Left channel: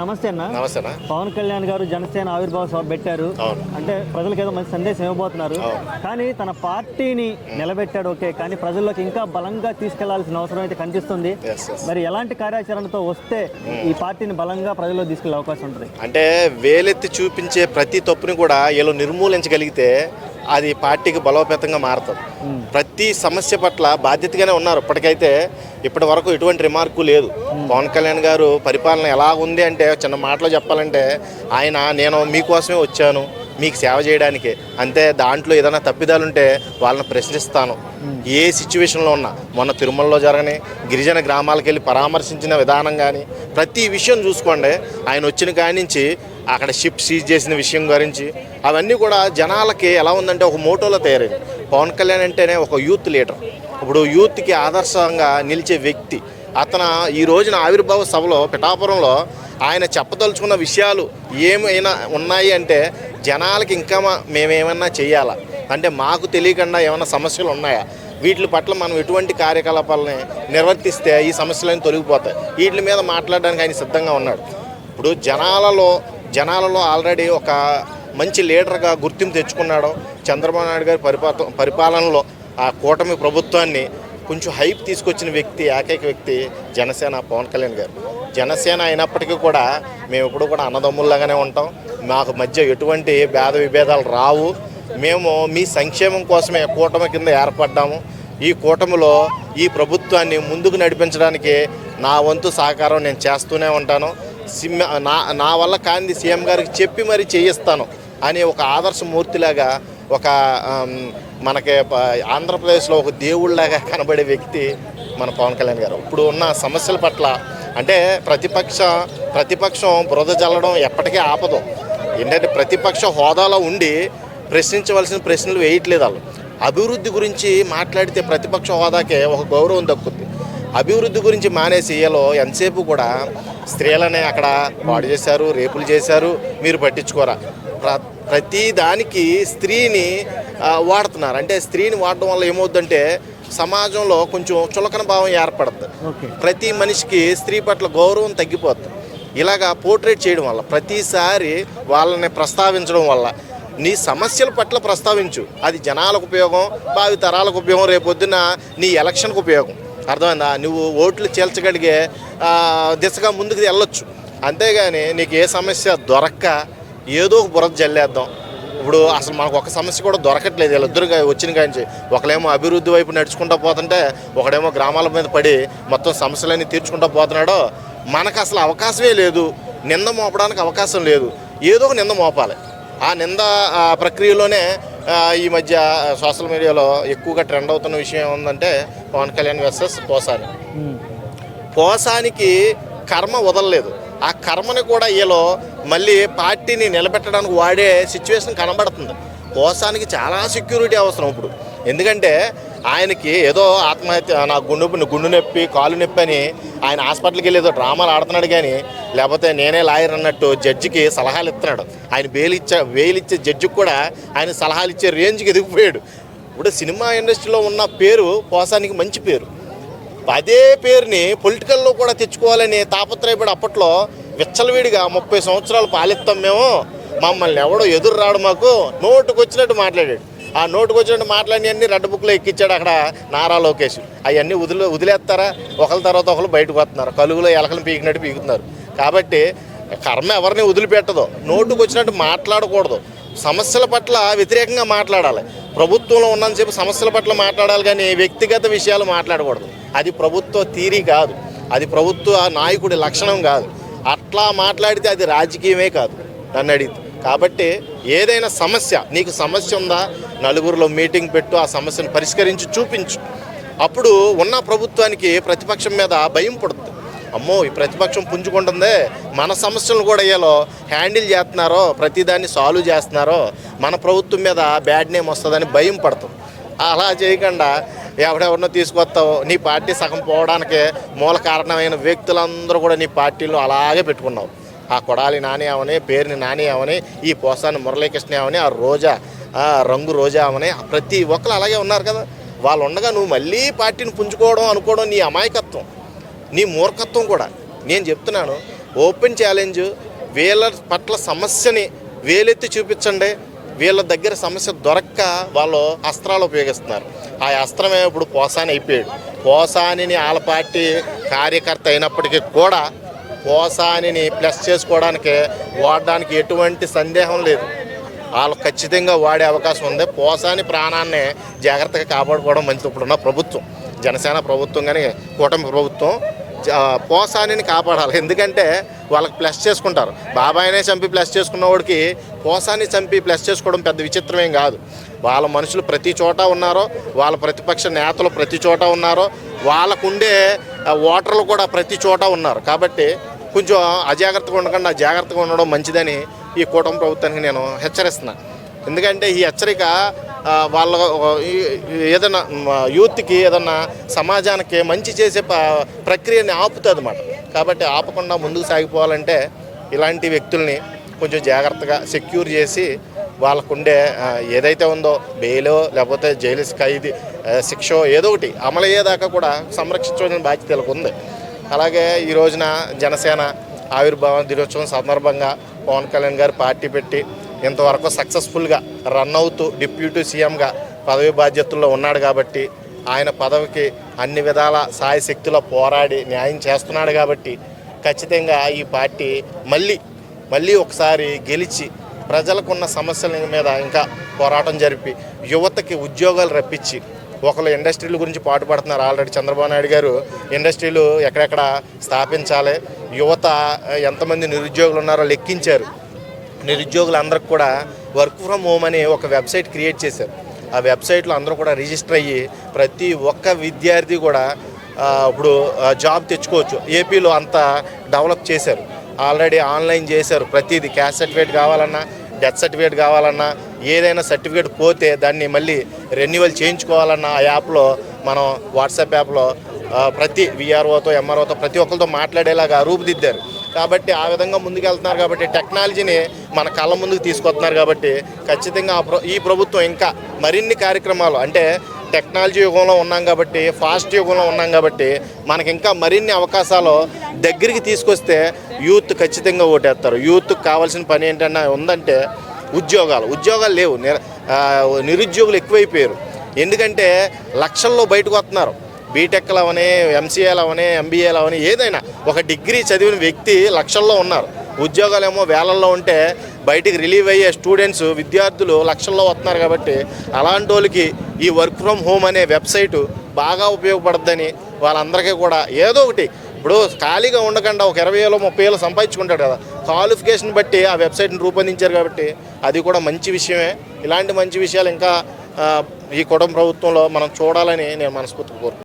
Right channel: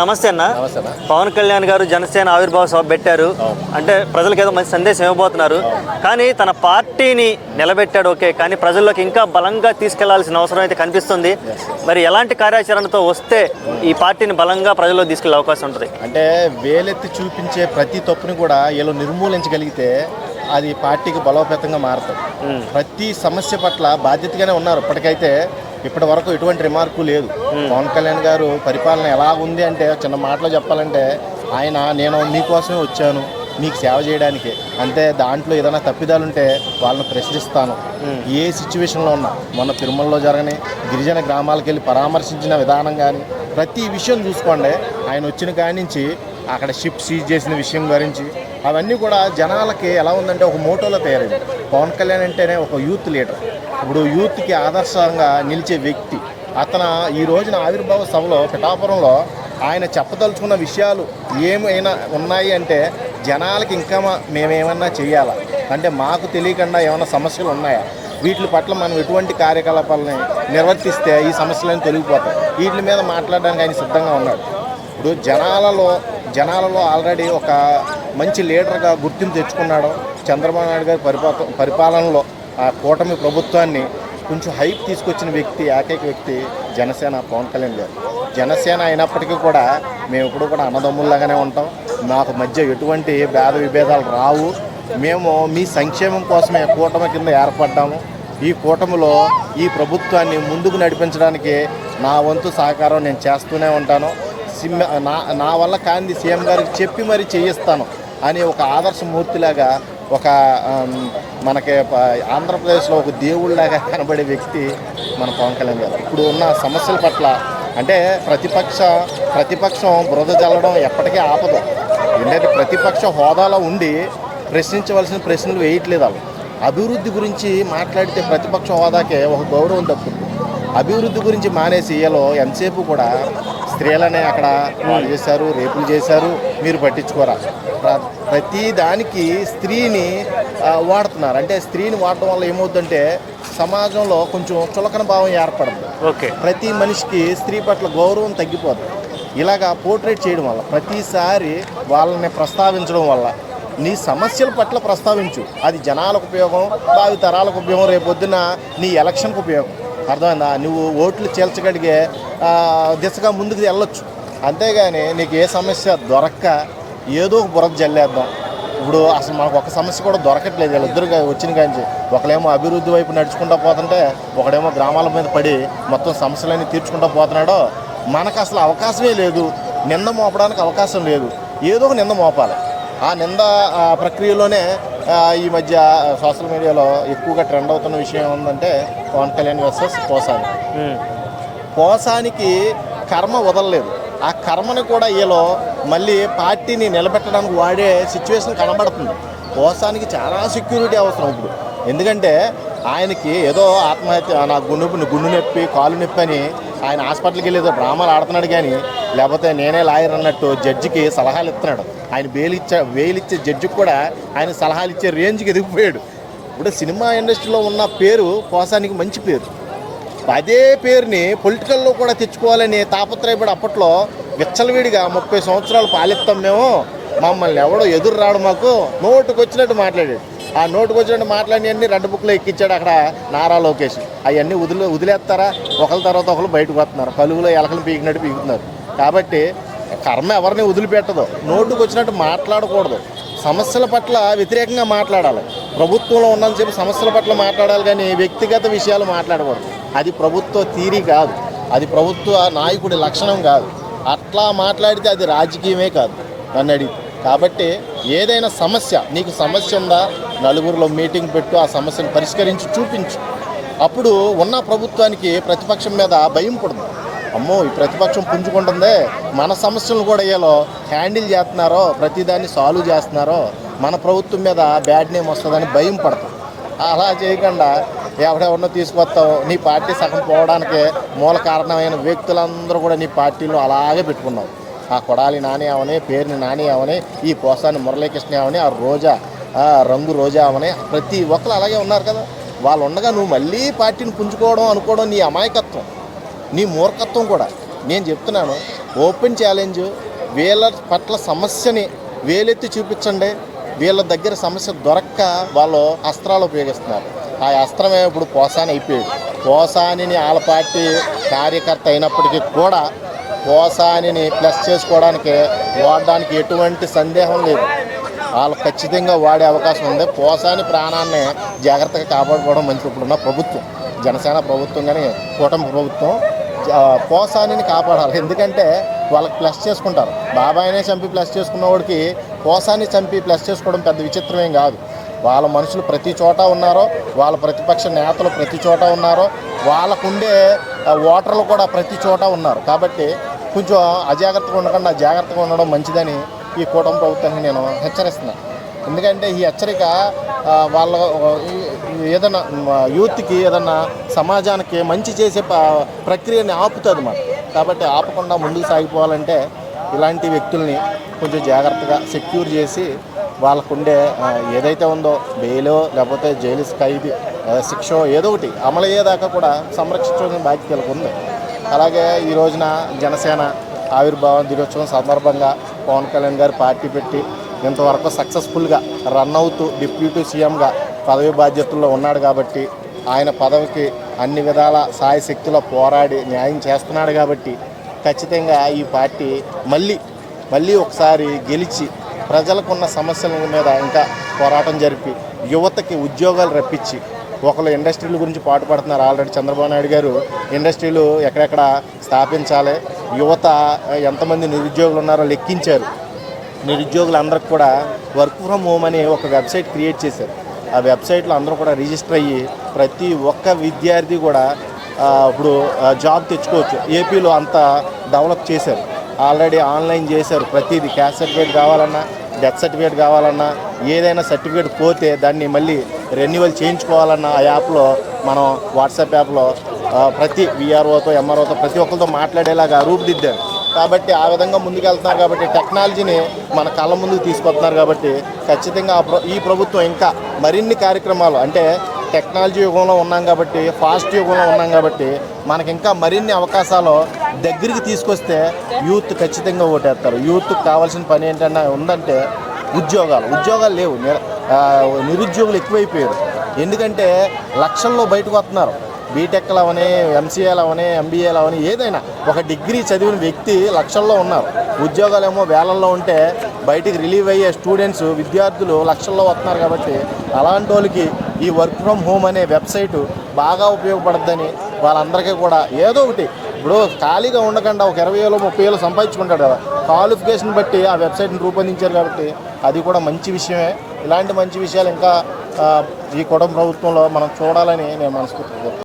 నమస్తే అన్న. పవన్ కళ్యాణ్ గారు జనసేన ఆవిర్భావ సభ పెట్టారు అంటే ప్రజలకు ఏదో మంచి సందేశం ఇవ్వబోతున్నారు. కానీ తన పార్టీని నిలబెట్టాడు ఓకే, కానీ ప్రజల్లోకి ఇంకా బలంగా తీసుకెళ్లాల్సిన అవసరం అయితే కనిపిస్తుంది. మరి ఎలాంటి కార్యాచరణతో వస్తే ఈ పార్టీని బలంగా ప్రజల్లో తీసుకెళ్లే అవకాశం ఉంటుంది? అంటే వేలెత్తి చూపించే ప్రతి తప్పుని కూడా వీళ్ళు నిర్మూలించగలిగితే అది పార్టీకి బలోపేతంగా మారుతుంది. ప్రతి సమస్య పట్ల బాధ్యతగానే ఉన్నారు. ఇప్పటి వరకు ఎటువంటి రిమార్కు లేదు. పవన్ కళ్యాణ్ గారు పరిపాలన ఎలా ఉంది అంటే చిన్న మాటలో చెప్పాలంటే నేను మీకోసమే వచ్చాను, మీకు సేవ చేయడానికి, అంతే. దాంట్లో ఏదైనా తప్పిదాలుంటే వాళ్ళని ప్రశ్నిస్తాను. ఏ సిచ్యువేషన్లో ఉన్నా, మొన్న తిరుమలలో జరగని గిరిజన గ్రామాలకు వెళ్ళి పరామర్శించిన విధానం కానీ ప్రతి విషయం చూసుకోండి. ఆయన వచ్చిన కాడి నుంచి అక్కడ షిప్ సీజ్ చేసిన విషయం గురించి అవన్నీ కూడా జనాలకి ఎలా ఉందంటే ఒక మోటోలో తయారైంది. పవన్ కళ్యాణ్ అంటేనే ఒక యూత్ లీడర్. ఇప్పుడు యూత్కి ఆదర్శంగా నిలిచే వ్యక్తి అతను. ఈ రోజున ఆవిర్భావ సభలో పిఠాపురంలో ఆయన చెప్పదలుచుకున్న విషయాలు ఏమైనా ఉన్నాయి అంటే జనాలకి ఇంకా మేమేమన్నా చేయాలా అంటే మాకు తెలియకుండా ఏమైనా సమస్యలు ఉన్నాయా, వీటి పట్ల మనం ఎటువంటి కార్యకలాపాలని నిర్వర్తిస్తే ఈ సమస్యలన్నీ తొలగిపోతాయి, వీటి మీద మాట్లాడడానికి ఆయన సిద్ధంగా ఉన్నాడు. ఇప్పుడు జనాలలో ఆల్రెడీ ఒక మంచి లీడర్గా గుర్తింపు తెచ్చుకున్నాడు. చంద్రబాబు నాయుడు గారి పరిపాలనలో ఆ కూటమి ప్రభుత్వాన్ని కొంచెం హైప్ తీసుకొచ్చిన వ్యక్తి, ఏకైక వ్యక్తి జనసేన పవన్ కళ్యాణ్ గారు. జనసేన అయినప్పటికీ కూడా మేము ఇప్పుడు కూడా అన్నదమ్ముల్లాగానే ఉంటాం. మాకు మధ్య ఎటువంటి భేద విభేదాలు రావు. మేము మీ సంక్షేమం కోసమే కూటమి కింద ఏర్పడ్డాము. ఈ కూటమిలో ఈ ప్రభుత్వాన్ని ముందుకు నడిపించడానికి నా వంతు సహకారం నేను చేస్తూనే ఉంటాను. నా వల్ల కాంది సీఎం గారికి చెప్పి మరీ చేయిస్తాను అని ఒక ఆదర్శమూర్తిలాగా, ఒక మనకి ఆంధ్రప్రదేశ్లో ఒక దేవుళ్ళలాగా కనబడే వ్యక్తి మన పవన్ కళ్యాణ్ గారు. ఇప్పుడు ఉన్న సమస్యల పట్ల అంటే ప్రతిపక్షం బురద జల్లడం ఎప్పటికీ ఆపదు. ఏంటంటే ప్రతిపక్ష హోదాలో ఉండి ప్రశ్నించవలసిన ప్రశ్నలు వేయట్లేదు. వాళ్ళు అభివృద్ధి గురించి మాట్లాడితే ప్రతిపక్ష హోదాకే ఒక గౌరవం దక్కుతుంది. అభివృద్ధి గురించి మానేసి వీళ్ళు ఎంతసేపు కూడా స్త్రీలనే అక్కడ వాడు చేశారు, రేపులు చేశారు, మీరు పట్టించుకోరా. ప్రతి దానికి స్త్రీని వాడుతున్నారు. అంటే స్త్రీని వాడటం వల్ల ఏమవుతుందంటే సమాజంలో కొంచెం చులకన భావం ఏర్పడుతుంది. ప్రతి మనిషికి స్త్రీ పట్ల గౌరవం తగ్గిపోతుంది. ఇలాగా పోర్ట్రేట్ చేయడం వల్ల, ప్రతిసారి వాళ్ళని ప్రస్తావించడం వల్ల నీ సమస్యల పట్ల ప్రస్తావించు. అది జనాలకు ఉపయోగం, భావి తరాలకు ఉపయోగం, రేపొద్దున నీ ఎలక్షన్కు ఉపయోగం. అర్థమైందా? నువ్వు ఓట్లు చేల్చగలిగే దిశగా ముందుకు వెళ్ళొచ్చు. అంతేగాని నీకు ఏ సమస్య దొరక్క ఏదో బురద జల్లేద్దాం. ఇప్పుడు అసలు మనకు ఒక సమస్య కూడా దొరకట్లేదు. వీళ్ళిద్దరు వచ్చిన కాంచి ఒకడేమో అభివృద్ధి వైపు నడుచుకుంటూ పోతుంటే ఒకడేమో గ్రామాల మీద పడి మొత్తం సమస్యలన్నీ తీర్చుకుంటూ పోతున్నాడో. మనకు అసలు అవకాశమే లేదు, నింద మోపడానికి అవకాశం లేదు. ఏదో ఒక నింద మోపాలి. ఆ నింద ప్రక్రియలోనే ఈ మధ్య సోషల్ మీడియాలో ఎక్కువగా ట్రెండ్ అవుతున్న విషయం ఏముందంటే పవన్ కళ్యాణ్ వర్సెస్ పోసానికి కర్మ వదలలేదు. ఆ కర్మని కూడా వీళ్ళు మళ్ళీ పార్టీని నిలబెట్టడానికి వాడే సిచ్యువేషన్ కనబడుతుంది. పోసానికి చాలా సెక్యూరిటీ అవసరం ఇప్పుడు. ఎందుకంటే ఆయనకి ఏదో ఆత్మహత్య, నా గుండు నొప్పి, కాలు నొప్పి అని ఆయన హాస్పిటల్కి వెళ్ళి ఏదో డ్రామాలు ఆడుతున్నాడు. కానీ లేకపోతే నేనే లాయర్ అన్నట్టు జడ్జికి సలహాలు ఇస్తున్నాడు. ఆయన బెయిలిచ్చే జడ్జికి కూడా ఆయన సలహాలు ఇచ్చే రేంజ్కి ఎదిగిపోయాడు. ఇప్పుడు సినిమా ఇండస్ట్రీలో ఉన్న పేరు పోసానికి మంచి పేరు. అదే పేరుని పొలిటికల్లో కూడా తెచ్చుకోవాలని తాపత్రయపడి అప్పట్లో విచ్చలవిడిగా 30 సంవత్సరాలు పాలిస్తాం మేము, మమ్మల్ని ఎవడో ఎదురు రాడు, మాకు నోటుకు వచ్చినట్టు మాట్లాడాడు. ఆ నోటుకు వచ్చినట్టు మాట్లాడి అన్ని రెడ్ బుక్లో ఎక్కించాడు అక్కడ నారా లోకేష్. అవన్నీ వదిలేస్తారా? ఒకరి తర్వాత ఒకరు బయటకు వస్తున్నారు, కలుగులో ఎలకలు పీకినట్టు పీకుతున్నారు. కాబట్టి కర్మ ఎవరిని వదిలిపెట్టదు. నోటుకు వచ్చినట్టు మాట్లాడకూడదు. సమస్యల పట్ల వ్యతిరేకంగా మాట్లాడాలి. ప్రభుత్వంలో ఉన్నంతసేపు సమస్యల పట్ల మాట్లాడాలి, కానీ వ్యక్తిగత విషయాలు మాట్లాడకూడదు. అది ప్రభుత్వ తీరి కాదు, అది ప్రభుత్వ నాయకుడి లక్షణం కాదు. అట్లా మాట్లాడితే అది రాజకీయమే కాదు నన్ను అడిగితే. కాబట్టి ఏదైనా సమస్య, నీకు సమస్య ఉందా, నలుగురిలో మీటింగ్ పెట్టు, ఆ సమస్యను పరిష్కరించి చూపించు. అప్పుడు ఉన్న ప్రభుత్వానికి ప్రతిపక్షం మీద భయం పడుతుంది. అమ్మో, ఈ ప్రతిపక్షం పుంజుకుంటుందే, మన సమస్యలను కూడా ఏలో హ్యాండిల్ చేస్తున్నారో, ప్రతిదాన్ని సాల్వ్ చేస్తున్నారో, మన ప్రభుత్వం మీద బ్యాడ్ నేమ్ వస్తుందని భయం పడుతుంది. అలా చేయకుండా ఎవరెవరినో తీసుకొస్తావు, నీ పార్టీ సగం పోవడానికి మూల కారణమైన వ్యక్తులందరూ కూడా నీ పార్టీలో అలాగే పెట్టుకున్నావు. ఆ కొడాలి నాని అవని, పేరుని నాని అవని, ఈ పోసాని మురళీకృష్ణ అవని, ఆ రోజా రంగు రోజా అవని, ప్రతి ఒక్కరు అలాగే ఉన్నారు కదా. వాళ్ళు ఉండగా నువ్వు మళ్ళీ పార్టీని పుంజుకోవడం అనుకోవడం నీ అమాయకత్వం, నీ మూర్ఖత్వం కూడా. నేను చెప్తున్నాను, ఓపెన్ ఛాలెంజ్, వీళ్ళ పట్ల సమస్యని వేలెత్తి చూపించండి. వీళ్ళ దగ్గర సమస్య దొరక్క వాళ్ళు అస్త్రాలు ఉపయోగిస్తున్నారు. ఆ అస్త్రమే ఇప్పుడు పోసాని అయిపోయాడు. పోసానిని వాళ్ళ పార్టీ కార్యకర్త అయినప్పటికీ కూడా పోసానిని ప్లస్ చేసుకోవడానికి వాడడానికి ఎటువంటి సందేహం లేదు. వాళ్ళు ఖచ్చితంగా వాడే అవకాశం ఉంది. పోసాని ప్రాణాన్ని జాగ్రత్తగా కాపాడుకోవడం మంచిది. ఇప్పుడున్న ప్రభుత్వం, జనసేన ప్రభుత్వం కానీ కూటమి ప్రభుత్వం పోసానిని కాపాడాలి. ఎందుకంటే వాళ్ళకి ప్లస్ చేసుకుంటారు. బాబాయినే చంపి ప్లస్ చేసుకున్న వాడికి పోసాన్ని చంపి ప్లస్ చేసుకోవడం పెద్ద విచిత్రమేం కాదు. వాళ్ళ మనుషులు ప్రతి చోట ఉన్నారో, వాళ్ళ ప్రతిపక్ష నేతలు ప్రతి చోట ఉన్నారో, వాళ్ళకుండే ఓటర్లు కూడా ప్రతి చోట ఉన్నారు. కాబట్టి కొంచెం అజాగ్రత్తగా ఉండకుండా జాగ్రత్తగా ఉండడం మంచిదని ఈ కూటమి ప్రభుత్వానికి నేను హెచ్చరిస్తున్నాను. ఎందుకంటే ఈ హెచ్చరిక వాళ్ళ ఏదైనా యూత్కి, ఏదన్నా సమాజానికి మంచి చేసే ప్రక్రియని ఆపుతుంది అన్నమాట. కాబట్టి ఆపకుండా ముందుకు సాగిపోవాలంటే ఇలాంటి వ్యక్తుల్ని కొంచెం జాగ్రత్తగా సెక్యూర్ చేసి వాళ్ళకుండే ఏదైతే ఉందో బెయిలో లేకపోతే జైలు ఖైదీ శిక్ష ఏదో ఒకటి అమలు అయ్యేదాకా కూడా సంరక్షించడం బాధ్యత వీళ్ళకు ఉంది. అలాగే ఈ రోజున జనసేన ఆవిర్భావ దినోత్సవం సందర్భంగా పవన్ కళ్యాణ్ గారు పార్టీ పెట్టి ఇంతవరకు సక్సెస్ఫుల్గా రన్ అవుతూ డిప్యూటీ సీఎంగా పదవి బాధ్యతల్లో ఉన్నాడు. కాబట్టి ఆయన పదవికి అన్ని విధాల సాయశక్తిలో పోరాడి న్యాయం చేస్తున్నాడు. కాబట్టి ఖచ్చితంగా ఈ పార్టీ మళ్ళీ ఒకసారి గెలిచి ప్రజలకున్న సమస్యల మీద ఇంకా పోరాటం జరిపి యువతకి ఉద్యోగాలు రప్పించి, ఒకళ్ళు ఇండస్ట్రీల గురించి పాటుపడుతున్నారు. ఆల్రెడీ చంద్రబాబు నాయుడు గారు ఇండస్ట్రీలు ఎక్కడెక్కడ స్థాపించాలి, యువత ఎంతమంది నిరుద్యోగులు ఉన్నారో లెక్కించారు. నిరుద్యోగులందరికీ కూడా వర్క్ ఫ్రమ్ హోమ్ అనే ఒక వెబ్సైట్ క్రియేట్ చేశారు. ఆ వెబ్సైట్లో అందరూ కూడా రిజిస్టర్ అయ్యి ప్రతి ఒక్క విద్యార్థి కూడా ఇప్పుడు జాబ్ తెచ్చుకోవచ్చు. ఏపీలో అంతా డెవలప్ చేశారు. ఆల్రెడీ ఆన్లైన్ చేశారు. ప్రతిదీ క్యాస్ట్ సర్టిఫికేట్ కావాలన్నా, డెత్ సర్టిఫికేట్ కావాలన్నా, ఏదైనా సర్టిఫికేట్ పోతే దాన్ని మళ్ళీ రెన్యువల్ చేయించుకోవాలన్నా ఆ యాప్లో, మనం వాట్సాప్ యాప్లో ప్రతి విఆర్ఓతో ఎంఆర్ఓతో ప్రతి ఒక్కరితో మాట్లాడేలాగా రూపుదిద్దారు. కాబట్టి ఆ విధంగా ముందుకెళ్తున్నారు. కాబట్టి టెక్నాలజీని మన కళ్ళ ముందుకు తీసుకొస్తున్నారు. కాబట్టి ఖచ్చితంగా ఈ ప్రభుత్వం ఇంకా మరిన్ని కార్యక్రమాలు, అంటే టెక్నాలజీ యుగంలో ఉన్నాం కాబట్టి, ఫాస్ట్ యుగంలో ఉన్నాం కాబట్టి మనకి ఇంకా మరిన్ని అవకాశాలు దగ్గరికి తీసుకొస్తే యూత్ ఖచ్చితంగా ఓటేస్తారు. యూత్కి కావాల్సిన పని ఏంటన్నా ఉందంటే ఉద్యోగాలు లేవు. నిరుద్యోగులు ఎక్కువైపోయారు. ఎందుకంటే లక్షల్లో బయటకు వస్తున్నారు. బీటెక్లు అవని, ఎంసీఏలు అవని, ఎంబీఏలు అవని, ఏదైనా ఒక డిగ్రీ చదివిన వ్యక్తి లక్షల్లో ఉన్నారు. ఉద్యోగాలేమో వేలల్లో ఉంటే బయటికి రిలీవ్ అయ్యే స్టూడెంట్స్, విద్యార్థులు లక్షల్లో వస్తున్నారు. కాబట్టి అలాంటి వాళ్ళకి ఈ వర్క్ ఫ్రమ్ హోమ్ అనే వెబ్సైటు బాగా ఉపయోగపడుతుందని వాళ్ళందరికీ కూడా ఏదో ఒకటి, ఇప్పుడు ఖాళీగా ఉండకుండా ఒక 20,000 30,000 సంపాదించుకుంటాడు కదా, క్వాలిఫికేషన్ బట్టి ఆ వెబ్సైట్ని రూపొందించారు. కాబట్టి అది కూడా మంచి విషయమే. ఇలాంటి మంచి విషయాలు ఇంకా ఈ కూటమి ప్రభుత్వంలో మనం చూడాలని నేను మనస్ఫూర్తిగా కోరుకుంటున్నాను.